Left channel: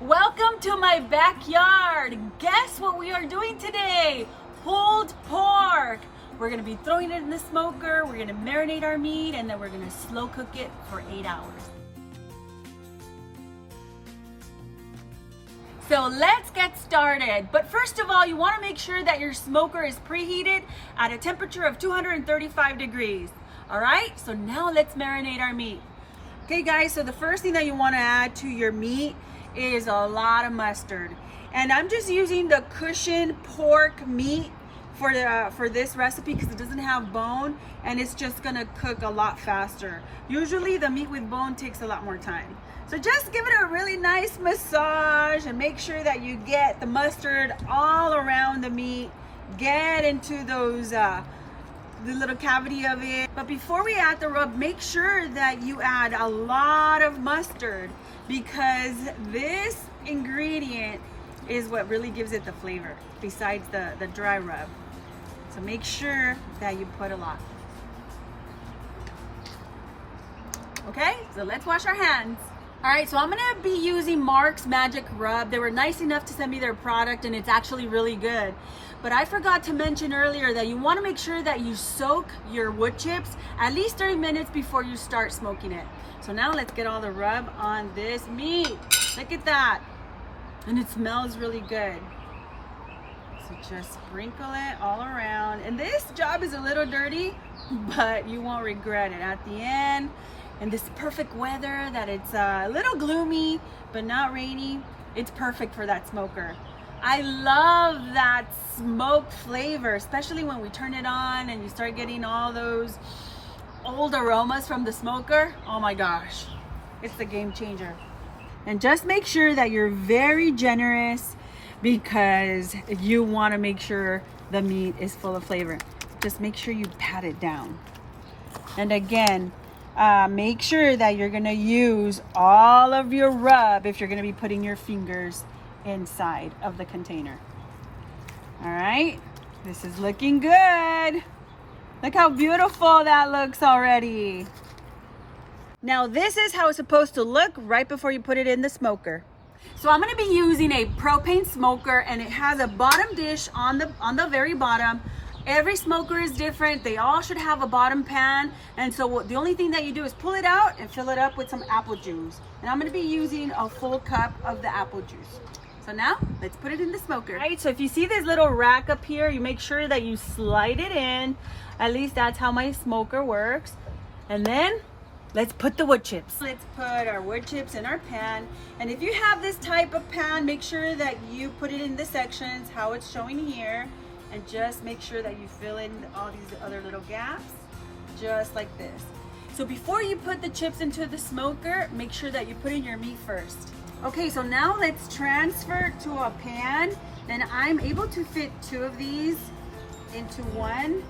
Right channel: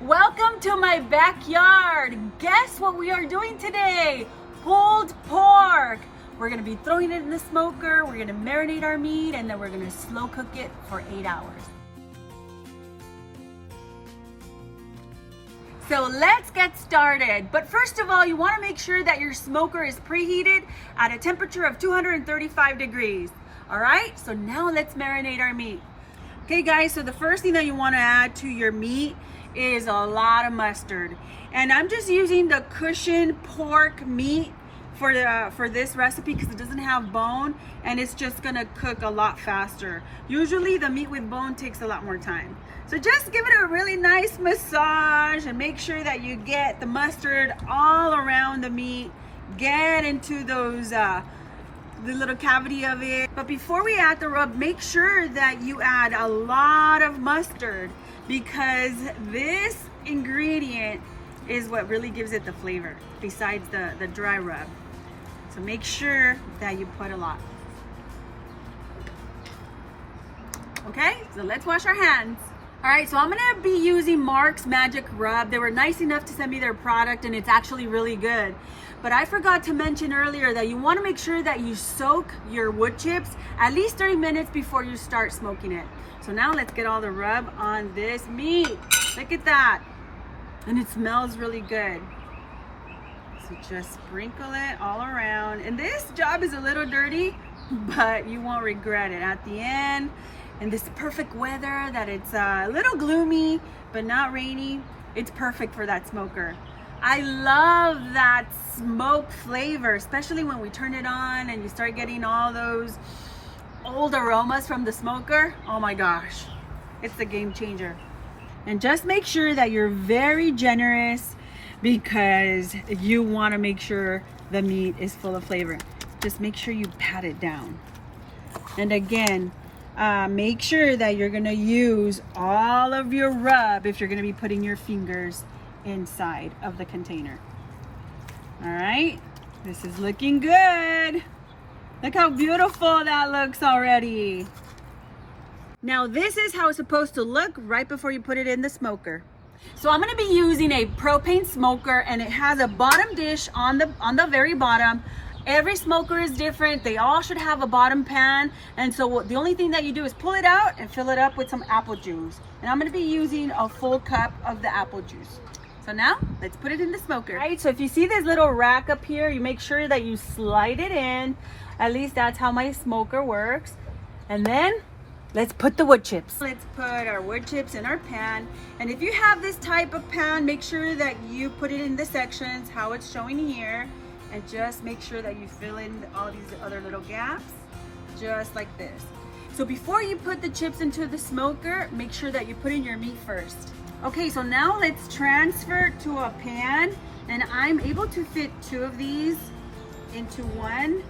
Welcome to my backyard. Guess what we are doing today? Pulled pork. We're gonna be throwing it in the smoker, we're gonna marinate our meat, and then we're gonna slow cook it for 8 hours. So let's get started. But first of all, you wanna make sure that your smoker is preheated at a temperature of 235 degrees. All right, so now let's marinate our meat. Okay guys, so the first thing that you wanna add to your meat is a lot of mustard. And I'm just using the cushion pork meat for this recipe because it doesn't have bone and it's just gonna cook a lot faster. Usually the meat with bone takes a lot more time. So just give it a really nice massage and make sure that you get the mustard all around the meat. Get into those the little cavity of it. But before we add the rub, make sure that you add a lot of mustard because this ingredient is what really gives it the flavor besides the dry rub. So make sure that you put a lot. Okay, so let's wash our hands. All right, so I'm gonna be using Marc's Magic Rub. They were nice enough to send me their product and it's actually really good. But I forgot to mention earlier that you wanna make sure that you soak your wood chips at least 30 minutes before you start smoking it. So now let's get all the rub on this meat. Look at that. And it smells really good. So just sprinkle it all around. And this job is a little dirty, but you won't regret it at the end. And this perfect weather that it's a little gloomy, but not rainy. It's perfect for that smoker. I love that smoke flavor, especially when we turn it on and you start getting all those old aromas from the smoker. Oh my gosh, it's the game changer. And just make sure that you're very generous because you want to make sure the meat is full of flavor. Just make sure you pat it down. And again, make sure that you're gonna use all of your rub if you're gonna be putting your fingers inside of the container. All right, this is looking good. Look how beautiful that looks already. Now this is how it's supposed to look right before you put it in the smoker. So I'm gonna be using a propane smoker and it has a bottom dish on the very bottom. Every smoker is different. They all should have a bottom pan. And so the only thing that you do is pull it out and fill it up with some apple juice. And I'm gonna be using a full cup of the apple juice. So now let's put it in the smoker. All right, so if you see this little rack up here, you make sure that you slide it in. At least that's how my smoker works. And then let's put the wood chips. Let's put our wood chips in our pan. And if you have this type of pan, make sure that you put it in the sections, how it's showing here. And just make sure that you fill in all these other little gaps, just like this. So before you put the chips into the smoker, make sure that you put in your meat first. Okay, so now let's transfer to a pan. And I'm able to fit 2 of these into one.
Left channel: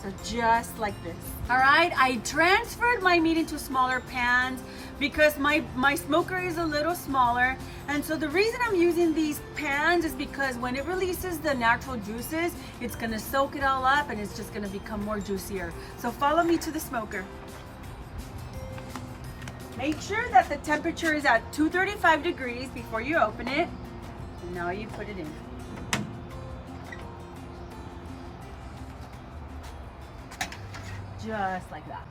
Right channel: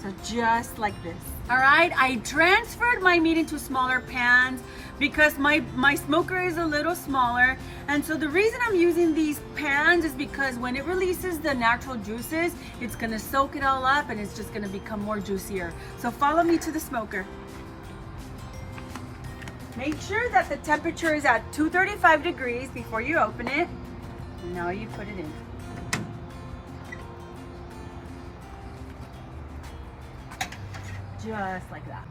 So just like this. All right, I transferred my meat into smaller pans because my smoker is a little smaller. And so the reason I'm using these pans is because when it releases the natural juices, it's gonna soak it all up and it's just gonna become more juicier. So follow me to the smoker. Make sure that the temperature is at 235 degrees before you open it. And now you put it in. Just like that.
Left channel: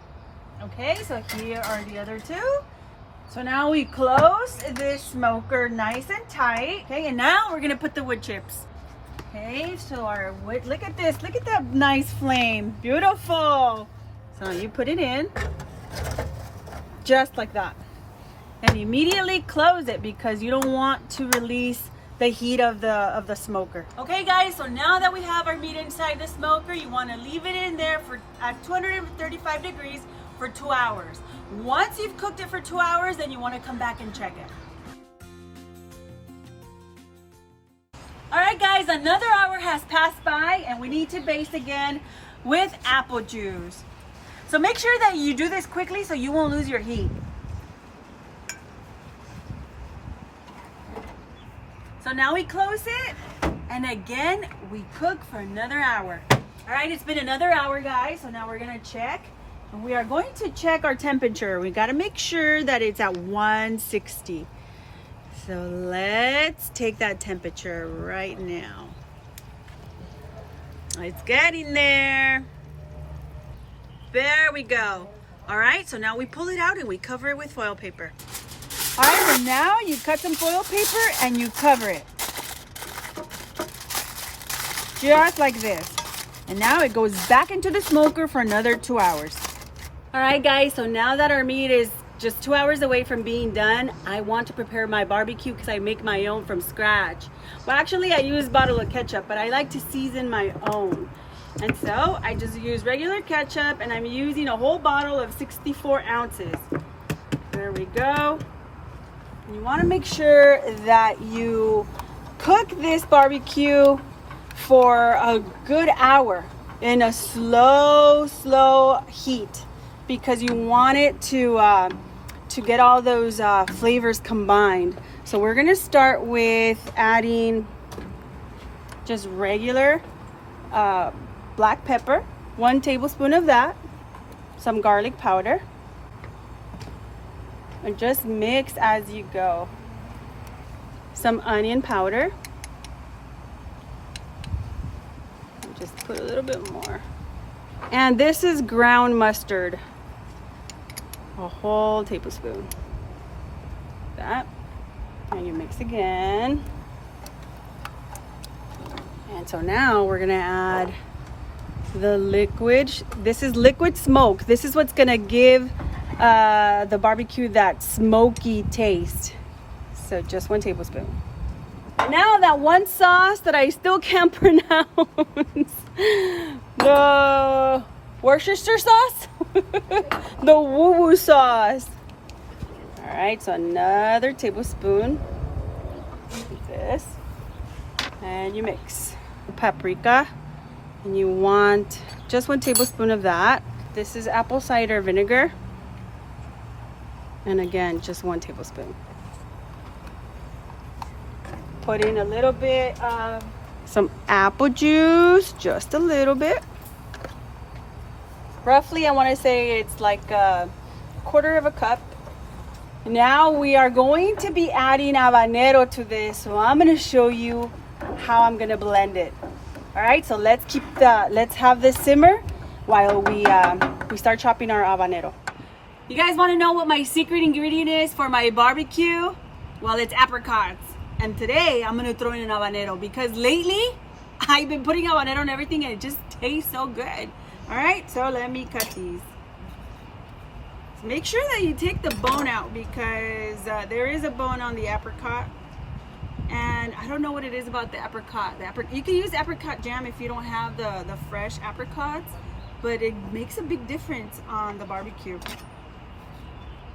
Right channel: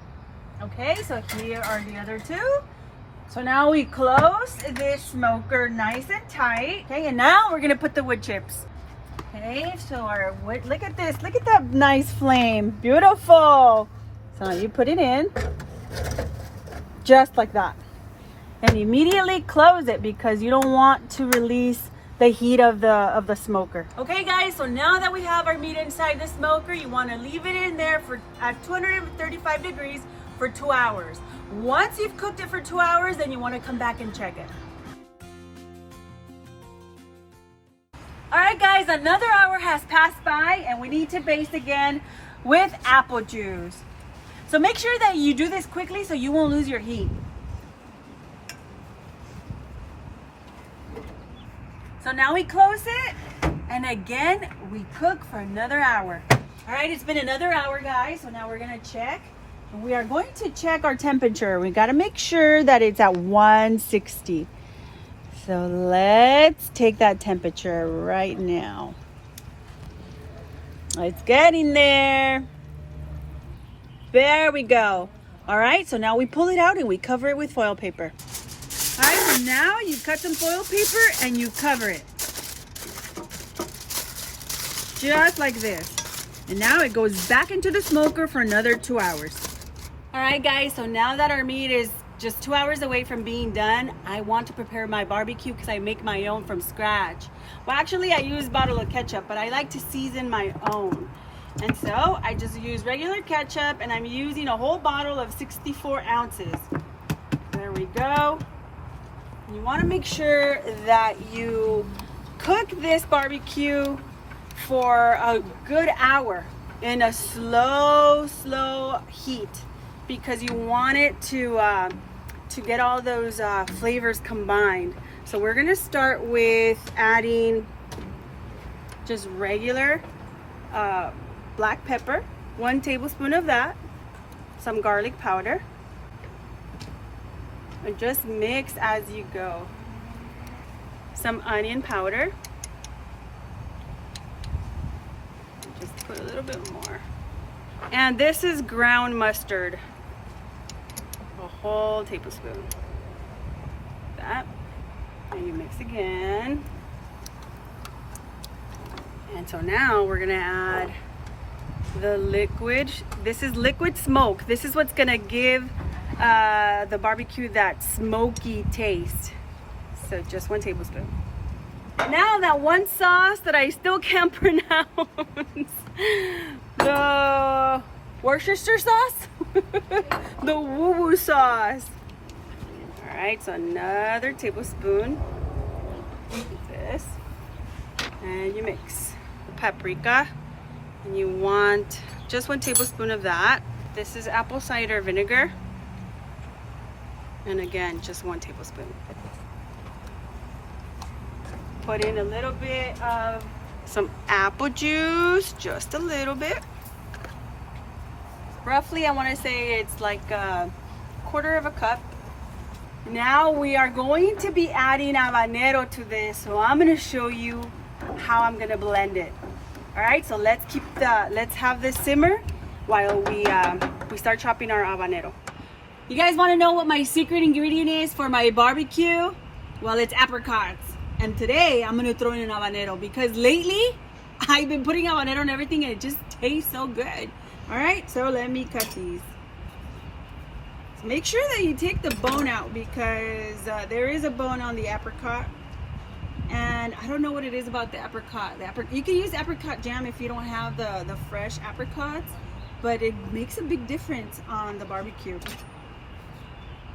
Okay, so here are the other 2. So now we close this smoker nice and tight. Okay, and now we're gonna put the wood chips. Okay, so our wood, look at this, look at that nice flame, beautiful. So you put it in, just like that. And immediately close it because you don't want to release the heat of the smoker. Okay guys, so now that we have our meat inside the smoker, you want to leave it in there at 235 degrees for 2 hours. Once you've cooked it for 2 hours, then you want to come back and check it. All right guys, another hour has passed by and we need to baste again with apple juice. So make sure that you do this quickly so you won't lose your heat. So now we close it, and again, we cook for another hour. All right, it's been another hour, guys, so now we're gonna check. And we are going to check our temperature. We gotta make sure that it's at 160. So let's take that temperature right now. It's getting there. There we go. All right, so now we pull it out and we cover it with foil paper. All right, so now you cut some foil paper and you cover it. Just like this. And now it goes back into the smoker for another 2 hours. All right, guys, so now that our meat is just 2 hours away from being done, I want to prepare my barbecue because I make my own from scratch. Well, actually, I use a bottle of ketchup, but I like to season my own. And so I just use regular ketchup, and I'm using a whole bottle of 64 ounces. There we go. And you want to make sure that you cook this barbecue for a good hour in a slow heat, because you want it to get all those flavors combined. So we're gonna start with adding just regular black pepper, 1 tablespoon of that, some garlic powder, and just mix as you go. Some onion powder, and just put a little bit more. And this is ground mustard, a whole tablespoon. That, and you mix again. And so now we're gonna add the liquid. This is liquid smoke. This is what's gonna give the barbecue that smoky taste. So just 1 tablespoon. Now that one sauce that I still can't pronounce, the Worcestershire sauce, the woo-woo sauce. All right, so another tablespoon of this, and you mix. Paprika, and you want just 1 tablespoon of that. This is apple cider vinegar, and again, just 1 tablespoon. Put in a little bit of some apple juice, just a little bit. Roughly, I want to say it's like a 1/4 of a cup. Now we are going to be adding habanero to this, so I'm going to show you how I'm going to blend it. All right, so let's have this simmer while we start chopping our habanero. You guys want to know what my secret ingredient is for my barbecue? Well, it's apricots. And today I'm gonna throw in an habanero because lately I've been putting habanero on everything and it just tastes so good. All right, so let me cut these. So make sure that you take the bone out because there is a bone on the apricot. And I don't know what it is about the apricot. You can use apricot jam if you don't have the fresh apricots, but it makes a big difference on the barbecue.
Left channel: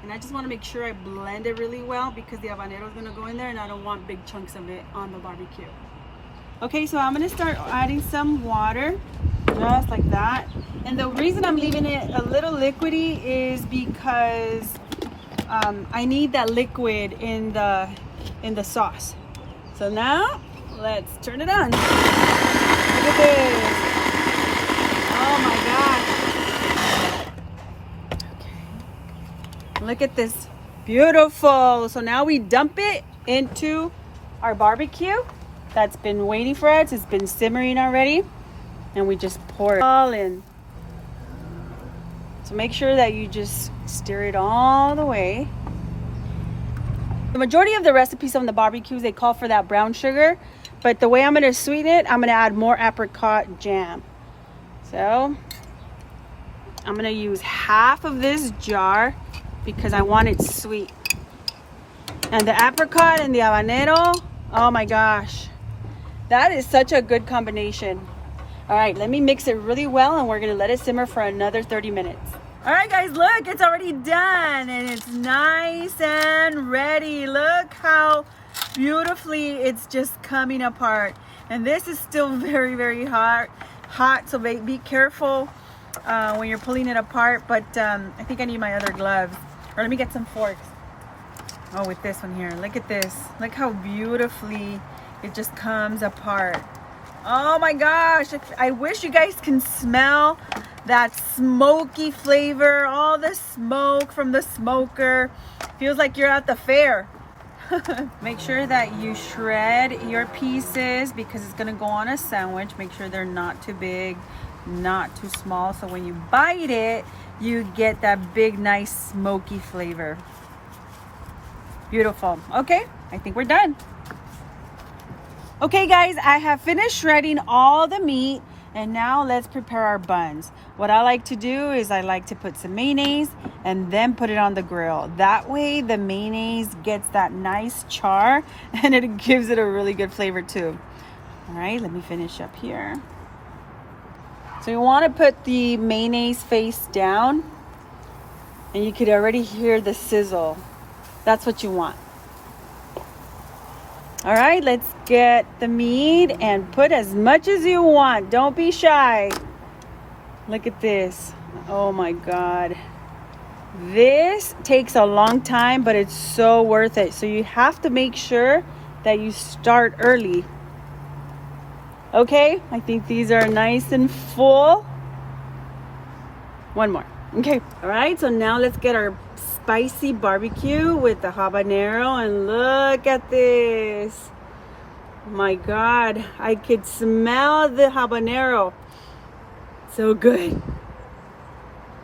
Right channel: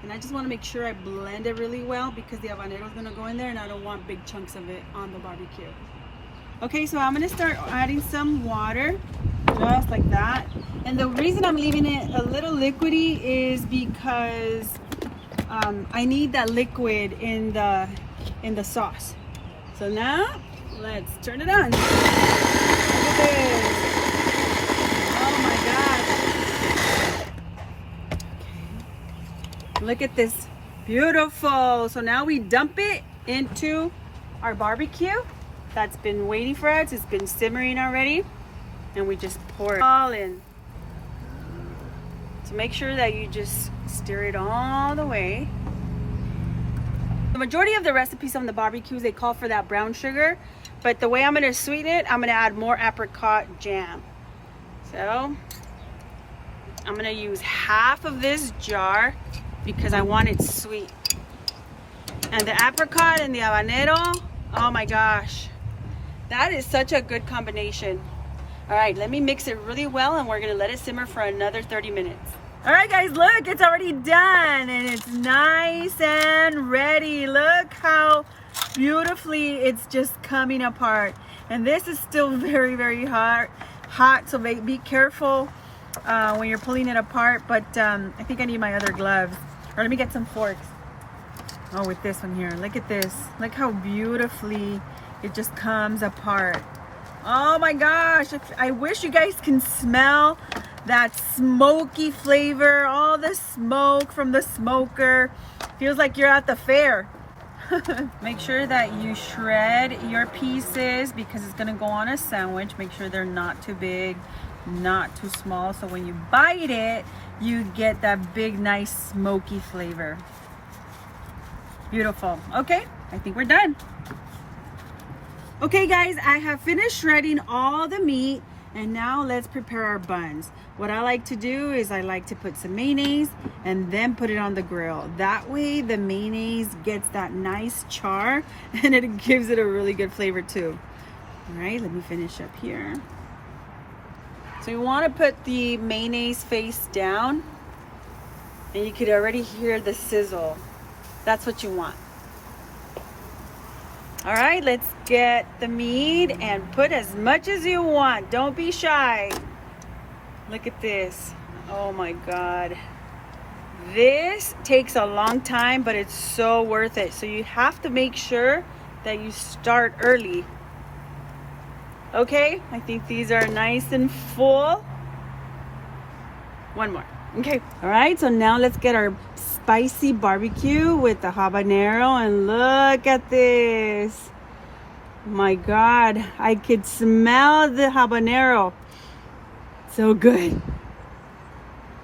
And I just want to make sure I blend it really well because the habanero is going to go in there and I don't want big chunks of it on the barbecue. Okay, so I'm going to start adding some water, just like that. And the reason I'm leaving it a little liquidy is because I need that liquid in the sauce. So now, let's turn it on. Look at this. Oh my God. Okay. Look at this. Beautiful. So now we dump it into our barbecue that's been waiting for us. It's been simmering already. And we just pour it all in. So make sure that you just stir it all the way. The majority of the recipes on the barbecues, they call for that brown sugar, but the way I'm gonna sweeten it, I'm gonna add more apricot jam. So I'm gonna use half of this jar because I want it sweet. And the apricot and the habanero, oh my gosh, that is such a good combination. All right, let me mix it really well and we're gonna let it simmer for another 30 minutes. All right, guys, look, it's already done and it's nice and ready. Look how beautifully it's just coming apart. And this is still very, very hot, so be careful when you're pulling it apart. But I think I need my other gloves. Or let me get some forks. Oh, with this one here, look at this. Look how beautifully it just comes apart. Oh my gosh, I wish you guys can smell that smoky flavor, all the smoke from the smoker. Feels like you're at the fair. Make sure that you shred your pieces because it's gonna go on a sandwich. Make sure they're not too big, not too small, so when you bite it, you get that big, nice, smoky flavor. Beautiful. Okay, I think we're done. Okay guys, I have finished shredding all the meat, and now let's prepare our buns. What I like to do is I like to put some mayonnaise and then put it on the grill. That way the mayonnaise gets that nice char and it gives it a really good flavor too. All right, let me finish up here. So you want to put the mayonnaise face down, and you could already hear the sizzle. That's what you want. All right, let's get the meat and put as much as you want. Don't be shy. Look at this. Oh my God. This takes a long time, but it's so worth it. So you have to make sure that you start early. Okay, I think these are nice and full. One more. Okay, all right, so now let's get our spicy barbecue with the habanero, and look at this. My God, I could smell the habanero. So good.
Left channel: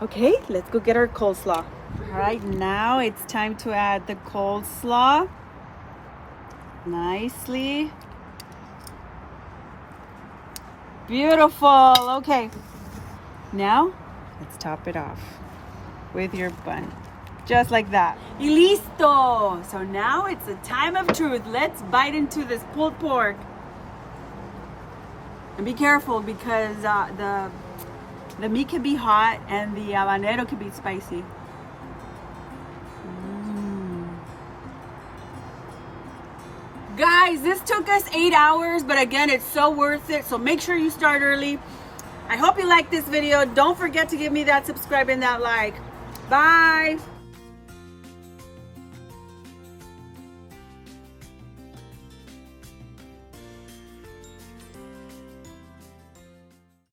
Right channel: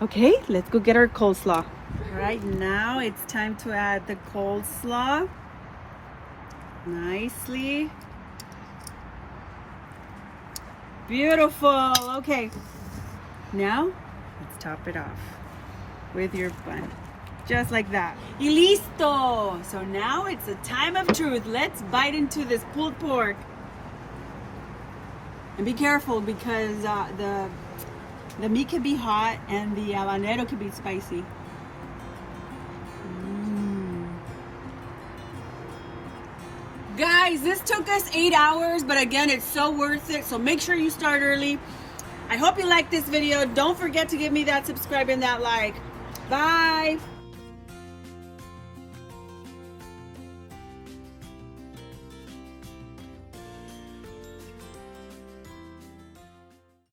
Okay, let's go get our coleslaw. All right, now it's time to add the coleslaw. Nicely. Beautiful. Okay, now let's top it off with your bun. Just like that. Y listo! So now it's the time of truth. Let's bite into this pulled pork. And be careful because the meat can be hot and the habanero can be spicy. Guys, this took us 8 hours, but again, it's so worth it. So make sure you start early. I hope you liked this video. Don't forget to give me that subscribe and that like. Bye.